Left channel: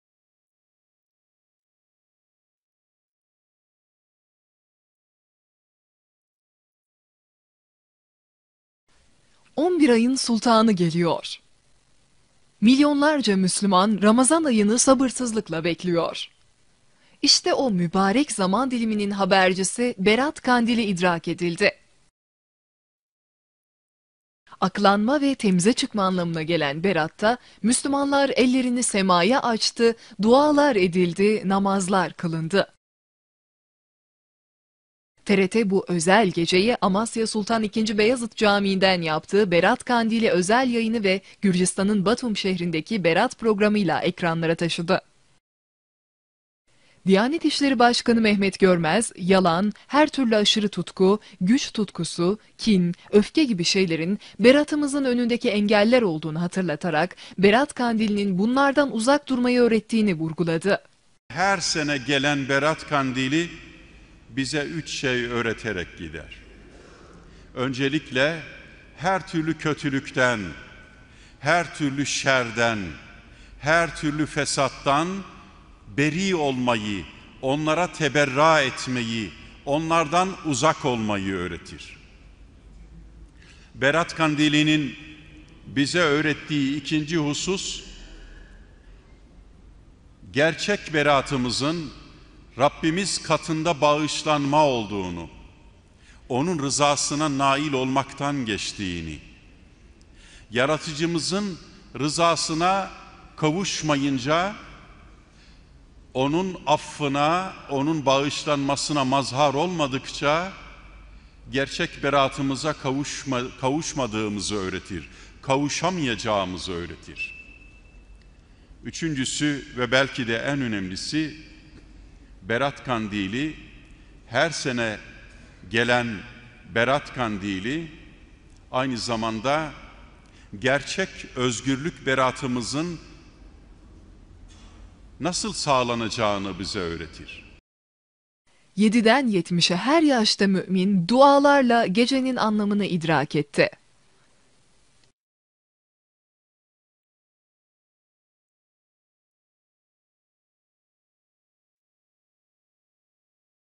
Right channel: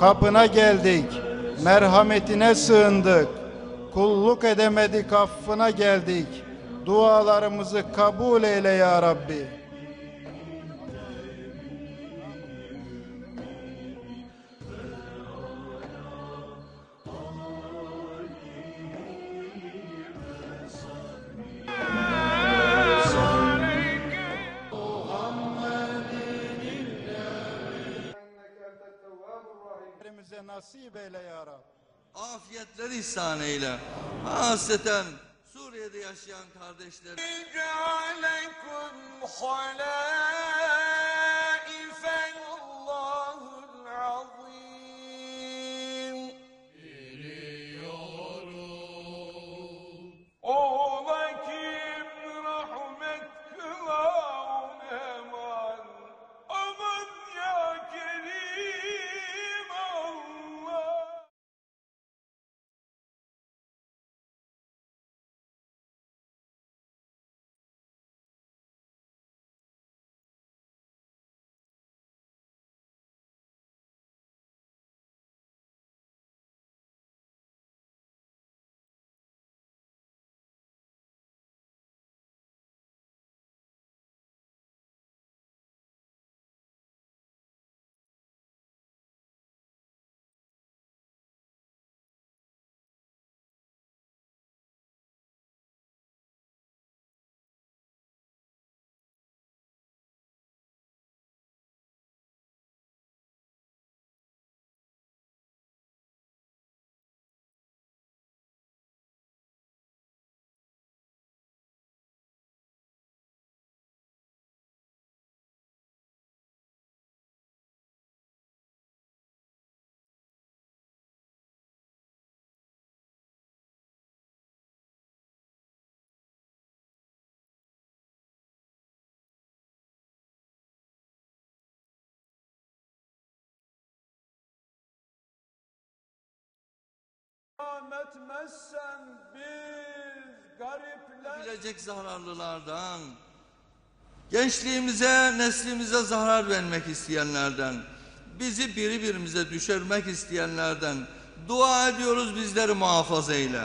Kapına geldik, merhametine sığındık. Kulluk edemedik affına geldik. Dualarımızı kabul eyle ya Rabbi. 11 ayın sultanı geliyor. Milyonlarca Müslüman Ramazan ayını sabırsızlıkla bekliyor. İşte o mübarek zaman diliminin habercisi Berat Kandili idrak edildi. Aklanma ve temize çıkma anlamına gelen Berat'ta Müslümanlar ellerini semaya açtı, dualar edildi, namazlar kılındı. TRT bu özel geceyi Amasya Sultan II. Beyazıt Camii'nden yaptığı Berat Kandili özel yayını ve Gürcistan'ın Batum şehrindeki Berat programıyla ekranlara taşıdı. Diyanet İşleri Başkanı Mehmet Görmez, yalan, her türlü aşırı tutku, güç tutkusu, kin, öfke gibi şeylerin Berat'ımızın önündeki engeller olduğunu hatırlatarak Berat Kandili'nin bunlardan uzak durmayı öğrettiğini vurguladı. Her sene gelen Berat Kandili bize üç şey öğreterek gider. Öncelikle her türlü kötülükten, her türlü şerden, her türlü fesattan beri olmayı, onlara teberra etmeyi, onlardan uzak olmayı öğretir. Berat Kandili'nin bize öğrettiği ikinci husus, gerçek beratımızın Rabbimiz katında bağışlanma olduğunu, onun rızasına nail olmaktan geçtiğini, yaratıcımızın rızasına kavuşmayınca onun affına, onun bağışlanmasına mazhar olmadıkça gerçek beratımıza kavuşma, kavuşmadığımızı öğretir, kavuşamayacağımızı öğretir. Üçüncüsü ve belki de en önemlisi Berat Kandili her sene gelen Berat Kandili aynı zamanda gerçek özgürlük beratımızın nasıl sağlanacağını bize öğretir. 7'den 70'e her yaşta mümin dualarla gecenin anlamını idrak etti. gençliğimize, neslimize zarar vermek isteyenlerden, bizi birbirimize düşürmek isteyenlerden dua ediyoruz bizleri muhafaza eyle.